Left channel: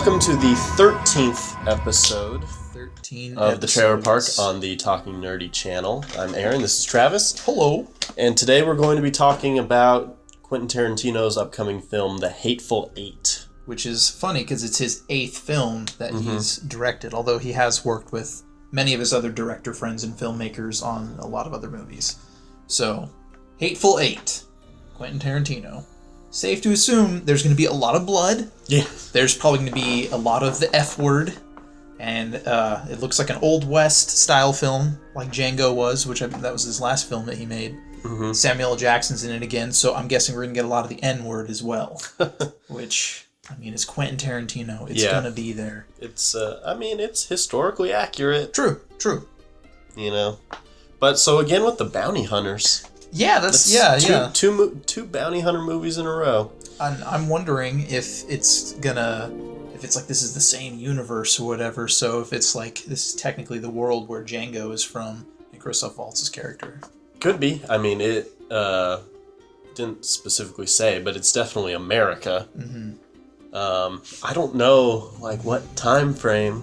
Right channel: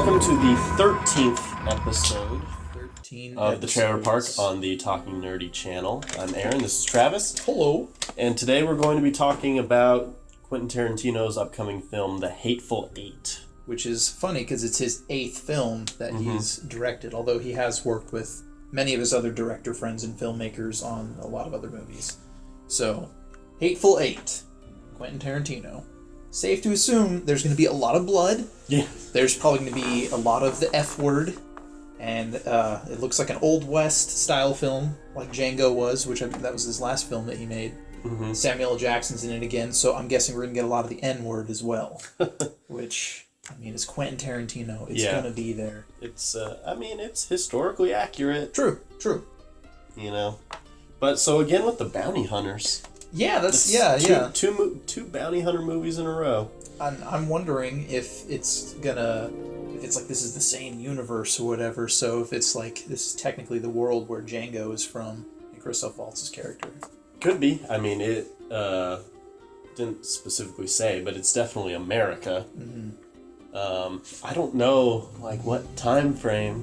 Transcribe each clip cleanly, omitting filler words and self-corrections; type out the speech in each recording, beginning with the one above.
welcome to the 13th episode 13 of the Trailer Park on the Talking Nerdy channel. I'm Aaron, this is Travis. Hello. And today we're going to be talking about Quentin Tarantino's upcoming film, The Hateful Eight. Which is funny because it's his 8th film that he's directed, although he has worked with many of his other director friends and filmmakers on a lot of other movies. So, Hateful Eight, Quentin Tarantino. Safe to assume there's going to be a lot of blood. Yeah. There's probably going to be a lot of the F word. And it looks like an Old West style film, like Django was, which that was his last film that he made. Mm-hmm. Samuel L. Jackson's in it again, so I'm guessing we're going to get a lot of the N word as well. Which, I mean, it's Quentin Tarantino. It's going to be there. It's, it's historically accurate. True. You know. But so again with the bounty hunters. Yeah, Two bounty hunter movies in a row. I'm wondering if it's like this is the same universe or whatever. So if it's like this is technically the world where Django is from and Christoph Waltz's character. Could be. I mean, it didn't specifically say, but it's definitely America. Mm-hmm. I don't know like what time frame.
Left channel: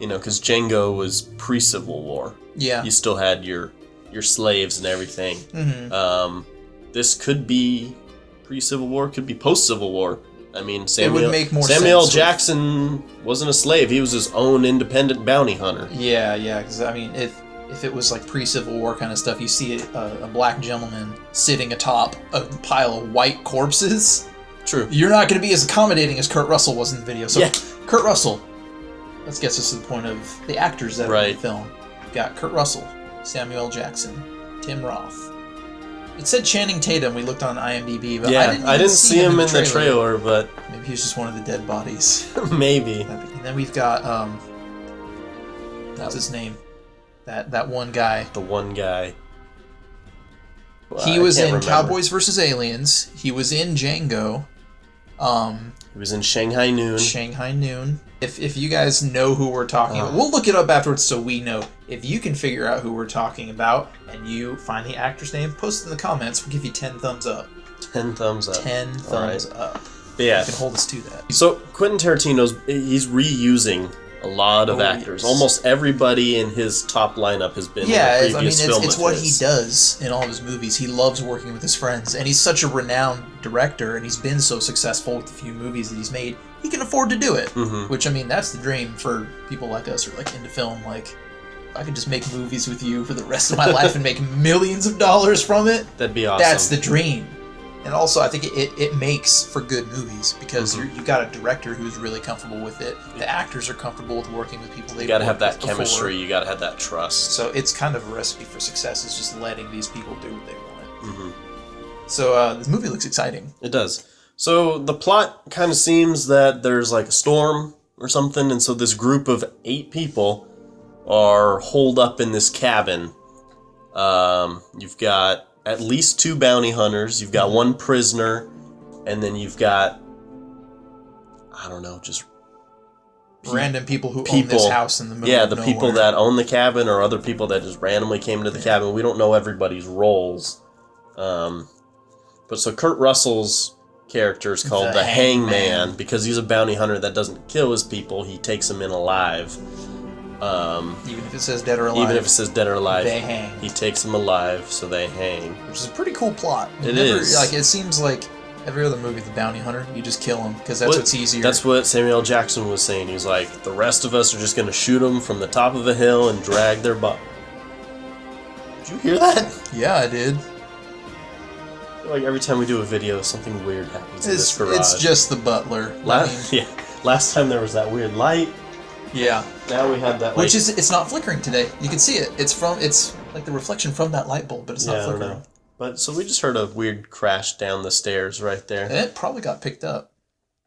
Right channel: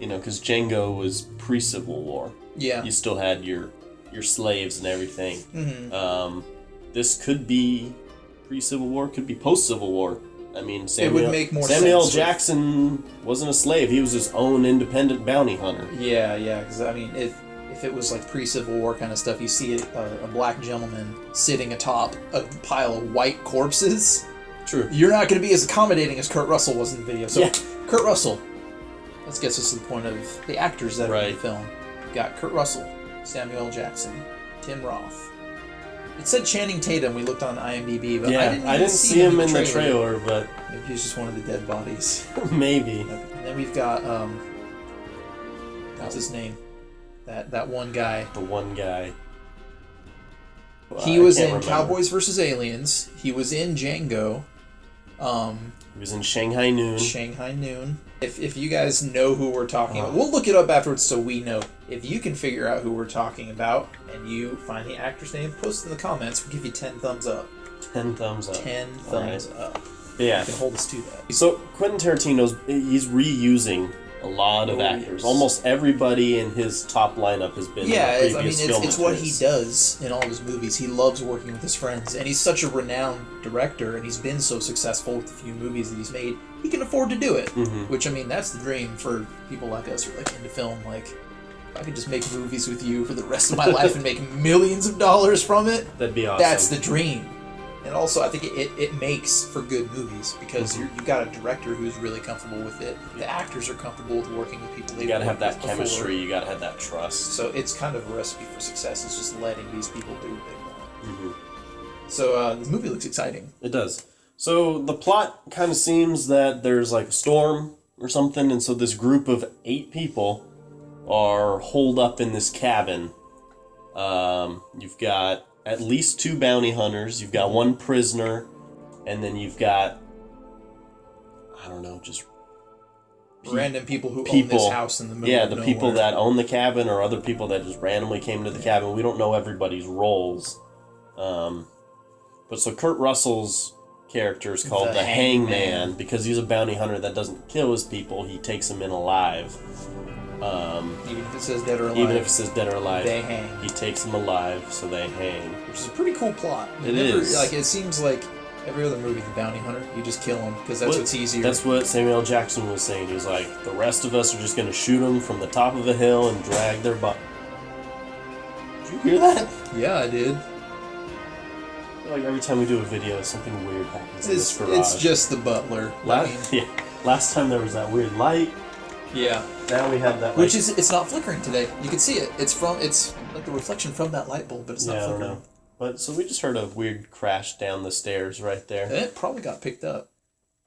You know, because Django was pre-Civil War. Yeah. You still had your slaves and everything. Mm-hmm. This could be pre-Civil War, could be post-Civil War. I mean, Samuel L. Jackson wasn't a slave. He was his own independent bounty hunter. Yeah, because, I mean, if it was like pre-Civil War kind of stuff, you see a black gentleman sitting atop a pile of white corpses. True. You're not going to be as accommodating as Kurt Russell was in the video. So, yeah. Kurt Russell. Let's get us to the point of the actors that are in the film. We've got Kurt Russell, Samuel L. Jackson, Tim Roth. It said Channing Tatum. We looked on IMDb, but I didn't see him in the trailer. But maybe he was just one of the dead bodies. Maybe. And then we've got what's his name? That one guy. The one guy. He was in Cowboys vs. Aliens. He was in Django. He was in Shanghai Noon. If you guys know who we're talking about, we'll look it up afterwards so we know. If you can figure out who we're talking about and you find the actor's name, post it in the comments. We'll give you 10 thumbs up. 10 thumbs up. 10 thumbs up. Yeah. You can hold us to that. So Quentin Tarantino's, he's reusing a lot of actors. Almost everybody in his top lineup has been in a previous film. It's what he does in all of his movies. He loves working with his friends, and he's such a renowned director, and he's been so successful with the few movies that he's made. He can afford to do it, which, I mean, that's the dream for people like us who are like into film. Like, I could just make movies with you for the rest of my life and make millions of dollars from it. That'd be awesome. That's the dream. And also, I think it makes for good movies because you got a director who's really comfortable with it. The actors are comfortable with working with people. You got to have that chemistry. You got to have that trust. So it's kind of a recipe for success. It's just letting these people do what they want. Mm-hmm. So this movie looks exciting. It does. So the plot kind of seems that there's like a storm or something, and so this group of 8 people are holed up in this cabin. You've got at least 2 bounty hunters. You've got 1 prisoner, and then you've got, I don't know, just random people who own this house in the middle of nowhere. People that own the cabin or other people that just randomly came to the cabin. We don't know everybody's roles. But so Kurt Russell's character is called the Hangman because he's a bounty hunter that doesn't kill his people. He takes them in alive. Even if it says dead or alive. They hang. He takes them alive, so they hang. Which is a pretty cool plot. It is. Like, it seems like every other movie, the bounty hunter, you just kill him because that's what's easier. That's what Samuel L. Jackson was saying. He was like, the rest of us are just going to shoot them from the top of a hill and drag their body. Did you hear that? Yeah, I did. Like every time we do a video, something weird happens in this garage. It's just the butler. Last time there was that weird light. Yeah. Now we have that. Which it's not flickering today. You can see it. It's like the reflection from that light bulb, but it's not flickering. I don't know. But so we just heard a weird crash down the stairs right there. And it probably got picked up.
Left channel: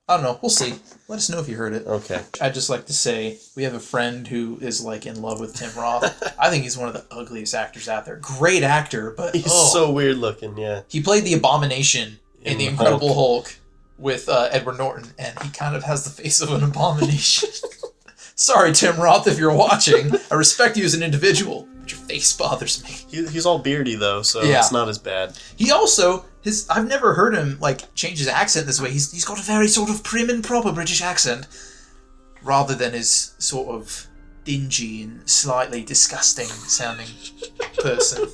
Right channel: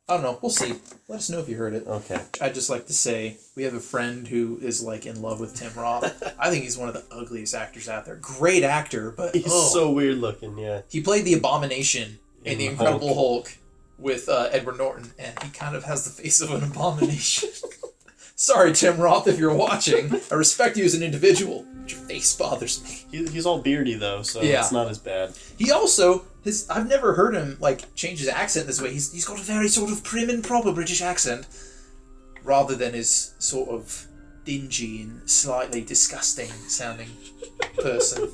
I don't know. We'll see. Let us know if you heard it. Okay. I'd just like to say we have a friend who is like in love with Tim Roth. I think he's one of the ugliest actors out there. Great actor, but he's so weird looking. Yeah. He played the Abomination in The Incredible Hulk with Edward Norton, and he kind of has the face of an abomination. Sorry, Tim Roth, if you're watching. I respect you as an individual, but your face bothers me. He's all beardy though, so it's not as bad. He also I've never heard him like change his accent this way. He's got a very sort of prim and proper British accent, rather than his sort of dingy and slightly disgusting sounding person.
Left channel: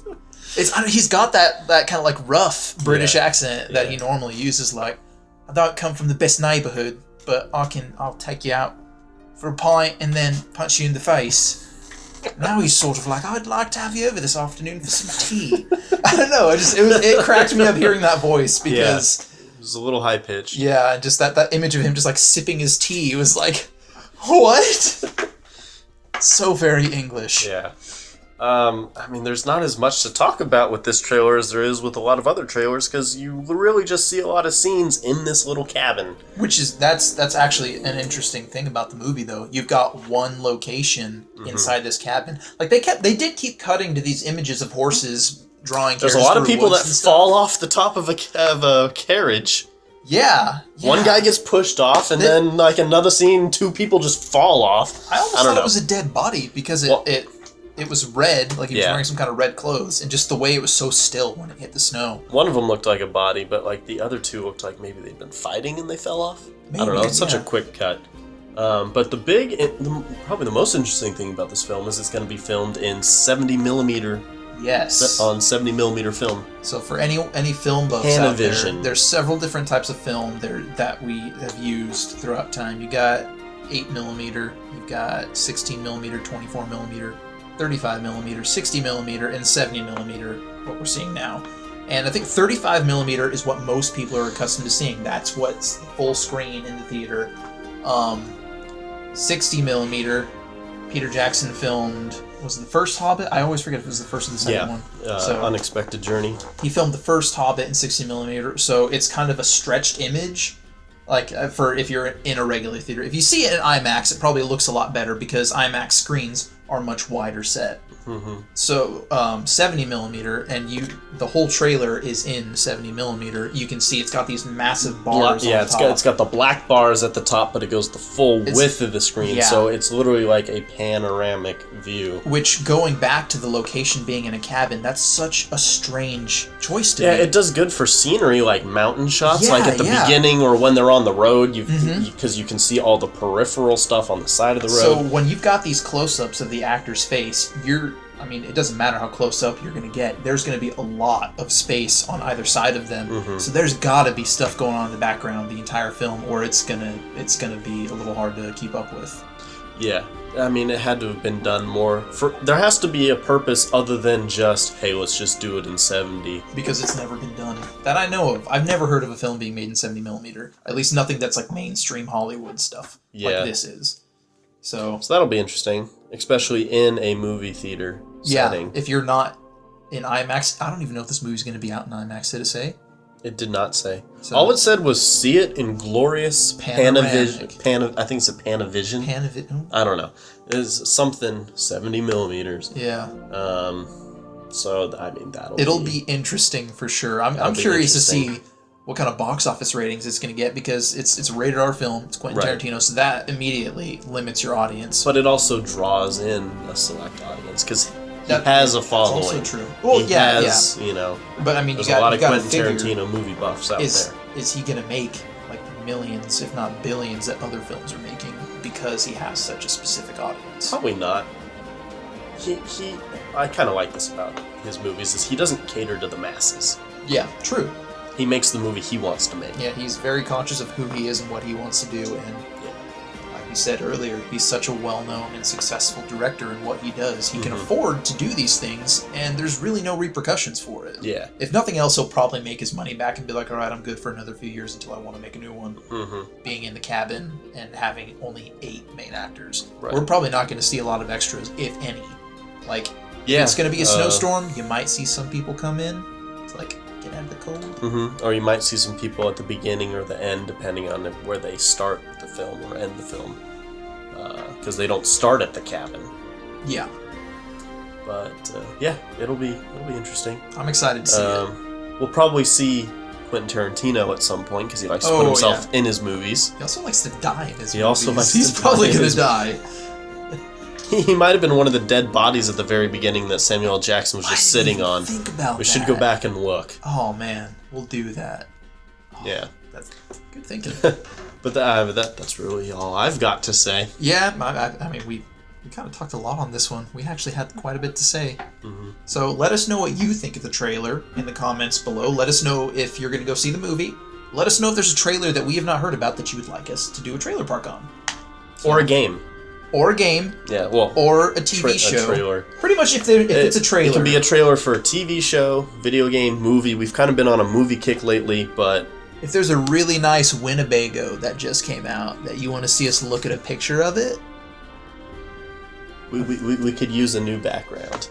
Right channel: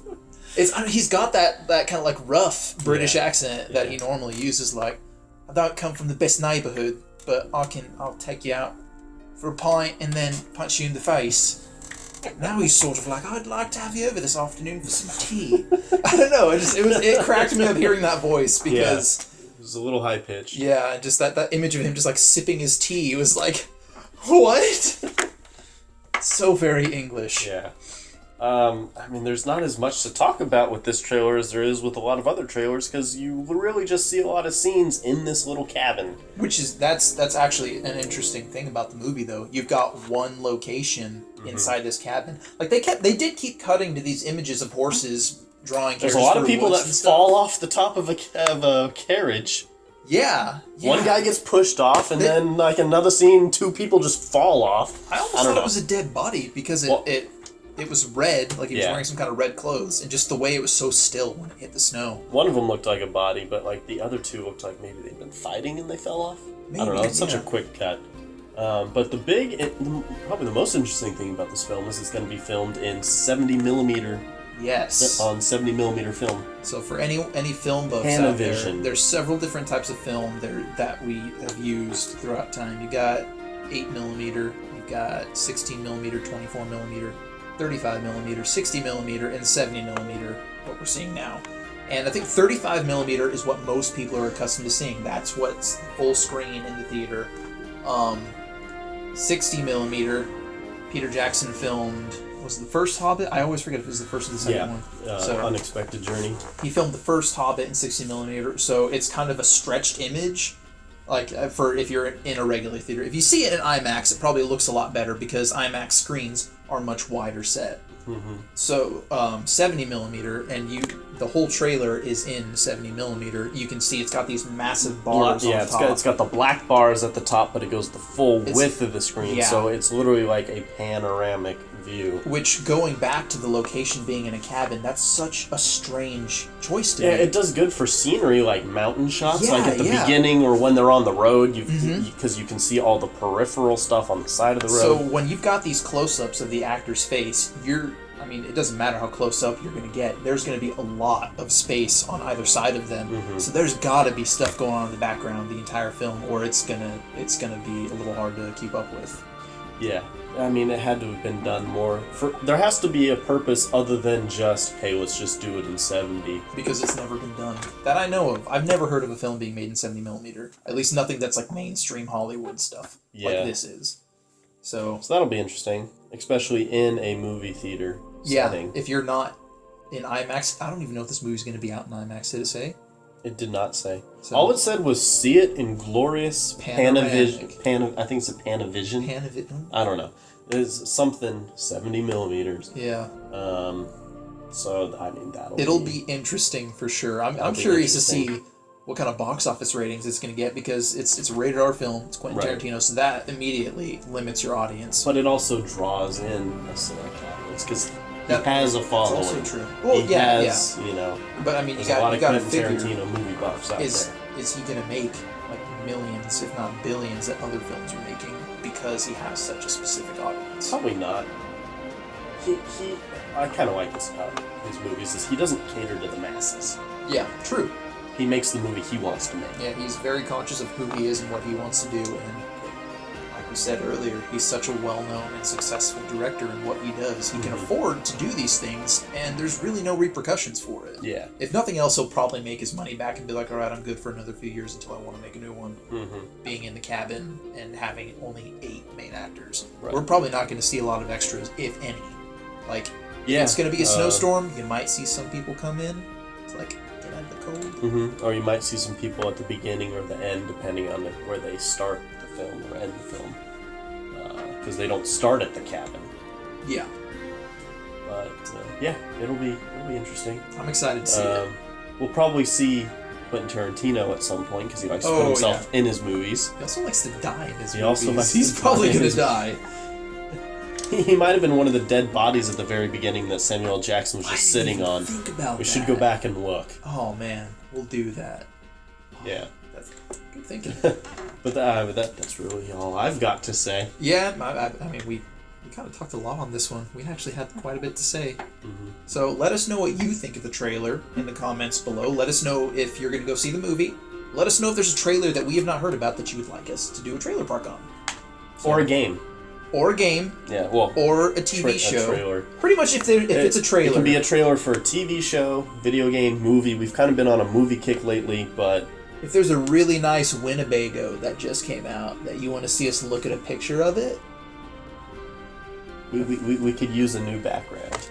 He's got that kind of like rough British accent that he normally uses. Like, I don't come from the best neighbourhood, but I'll take you out for a pint and then punch you in the face. Now he's sort of like, I'd like to have you over this afternoon for some tea. I don't know. It cracked me up hearing that voice because it was a little high pitched. Yeah, just that image of him just like sipping his tea was like, what? So very English. Yeah. I mean, there's not as much to talk about with this trailer as there is with a lot of other trailers, because you really just see a lot of scenes in this little cabin. That's actually an interesting thing about the movie, though. You've got one location inside this cabin. Like they did keep cutting to these images of horses drawing. There's a lot of people that fall off the top of a carriage. Yeah. One guy gets pushed off, and then like another scene, 2 people just fall off. I almost thought it was a dead body because it was red, like he was wearing some kind of red clothes, and just the way it was so still when it hit the snow. One of them looked like a body, but like the other 2 looked like maybe they'd been fighting and they fell off. Maybe, I don't know. It's such a quick cut. But probably the most interesting thing about this film is it's going to be filmed in 70mm. Yes. On 70mm film. So for any film buffs out there's several different types of film that we have used throughout time. You got 8mm, you got 16mm, 24mm. 35mm, 60mm, and 70mm, what we're seeing now. And I think 35mm is what most people are accustomed to seeing. That's what's the full screen in the theater. 60mm, Peter Jackson filmed, was it the first Hobbit? I always forget if it was the first or the second one. Unexpected Journey. He filmed the first Hobbit in 60mm, so it's kind of a stretched image. Like, for if you're in a regular theater. If you see it in IMAX, it probably looks a lot better because IMAX screens are much wider set. Mm-hmm. So 70mm, and the whole trailer is in 70mm. You can see it's got these massive bars on top. It's got the black bars at the top, but it goes the full width of the screen, so it's literally like a panoramic view. Which, going back to the location being in a cabin, that's such a strange choice to make. Yeah, it does good for scenery, like mountain shots, like at the beginning or when they're on the road, because you can see all the peripheral stuff on the side of the road. So when you've got these close-ups of the actor's face, it doesn't matter how close up you're going to get. There's going to be a lot of space on either side of them. Mm-hmm. So there's got to be stuff going on in the background the entire film, or it's gonna be a little hard to keep up with. Yeah, I mean, it had to have been done more. There has to be a purpose other than just, hey, let's just do it in 70. Because it's never been done that I know of. I've never heard of a film being made in 70mm. At least nothing that's like mainstream Hollywood stuff like this is. So that'll be interesting, especially in a movie theater setting. If you're not in IMAX, I don't even know if this movie's going to be out in IMAX. Did it say? It did not say. So, all it said was see it in glorious Panavision. I think it's a Panavision. Panavision. I don't know. It's something 70mm. Yeah. So I mean it'll be interesting for sure. I'm curious to see what kind of box office ratings it's going to get, because it's a rated R film. It's Quentin Tarantino, so that immediately limits your audience. But it also draws in a select audience because he has a following. That's also true. Well, he has, you know. But I mean, there's a lot of Quentin Tarantino movie buffs out there. Is he going to make like millions, if not billions, that other films are making because he has such a specific audience? Probably not. I kind of like this about his movies is he doesn't cater to the masses. Yeah, true. He makes the movie he wants to make. Yeah, he's very conscious of who he is and what he wants to do, and like we said earlier, he's such a well-known and successful director in what he does. He can afford to do these things, and there's really no repercussions for it. Yeah. If nothing else, he'll probably make his money back and be like, all right, I'm good for another few years until I want to make a new one. Mm-hmm. Being in the cabin and having only 8 main actors. Right. We're probably not going to see a lot of extras, if any. Like, if it's going to be a snowstorm, you might see some people come in. It's like, get out of the cold. Mm-hmm. Or you might see some people at the beginning or the end, depending on where they start the film or end the film. Because they don't start at the cabin. Yeah. But, it'll be interesting. I'm excited to see it. We'll probably see Quentin Tarantino at some point, because he likes to put himself in his movies. He also likes to die in his movies. He also likes He's probably going to die. He might have been one of the dead bodies at the very beginning that Samuel L. Jackson was just sitting on. Think about We that. should go back and look. Oh man, we'll do that. Oh, Yeah. That's good thinking. But that's really all I've got to say. Yeah, I mean, we kind of talked a lot on this one. We actually had quite a bit to say. Mm-hmm. So let us know what you think of the trailer in the comments below. Let us know if you're going to go see the movie. Let us know if there's a trailer that we have not heard about that you would like us to do a trailer park on. Or a game. Or a game. Yeah, well. Or a TV show. A trailer. Pretty much if it's a trailer. It can be a trailer for a TV show, video game, movie. We've kind of been on a movie kick lately, but... If there's a really nice Winnebago that just came out that you want to see us look at a picture of it... We could use a new background.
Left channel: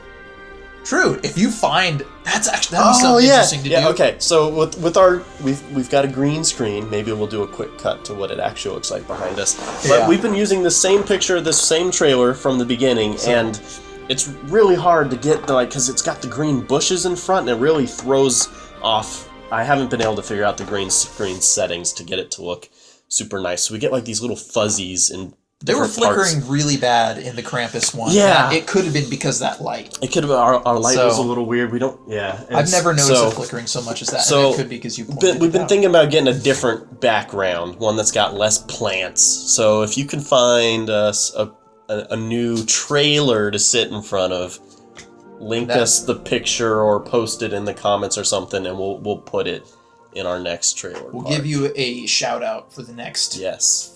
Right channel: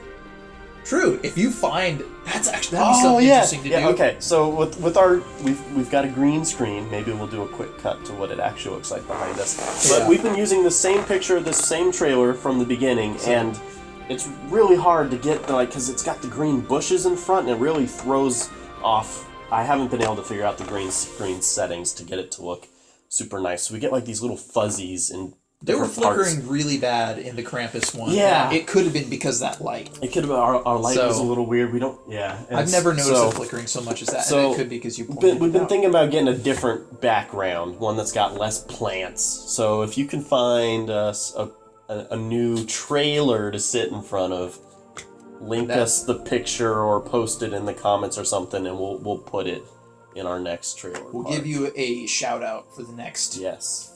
True. If you find... That'd be something interesting to do. Okay. So with our... We've got a green screen. Maybe we'll do a quick cut to what it actually looks like behind us. But we've been using the same picture, this same trailer from the beginning, and it's really hard to get, because it's got the green bushes in front, and it really throws off... I haven't been able to figure out the green screen settings to get it to look super nice. So we get, these little fuzzies and... They were flickering really bad in the Krampus one. Yeah. It could have been because of that light. It could have been our light was a little weird. We don't... Yeah. I've never noticed it flickering so much as that. So and it could be because you pointed we've been out. thinking about getting a different background, one that's got less plants. So if you can find us a new trailer to sit in front of, link us the picture or post it in the comments or something, and we'll put it in our next trailer. We'll give you a shout out for the next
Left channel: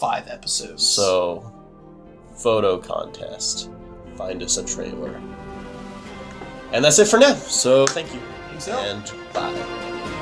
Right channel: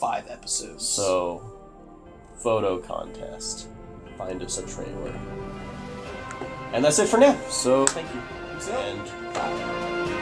5 episodes. So, photo contest. Find us a trailer. And that's it for now. So, thank you. Peace out. And bye.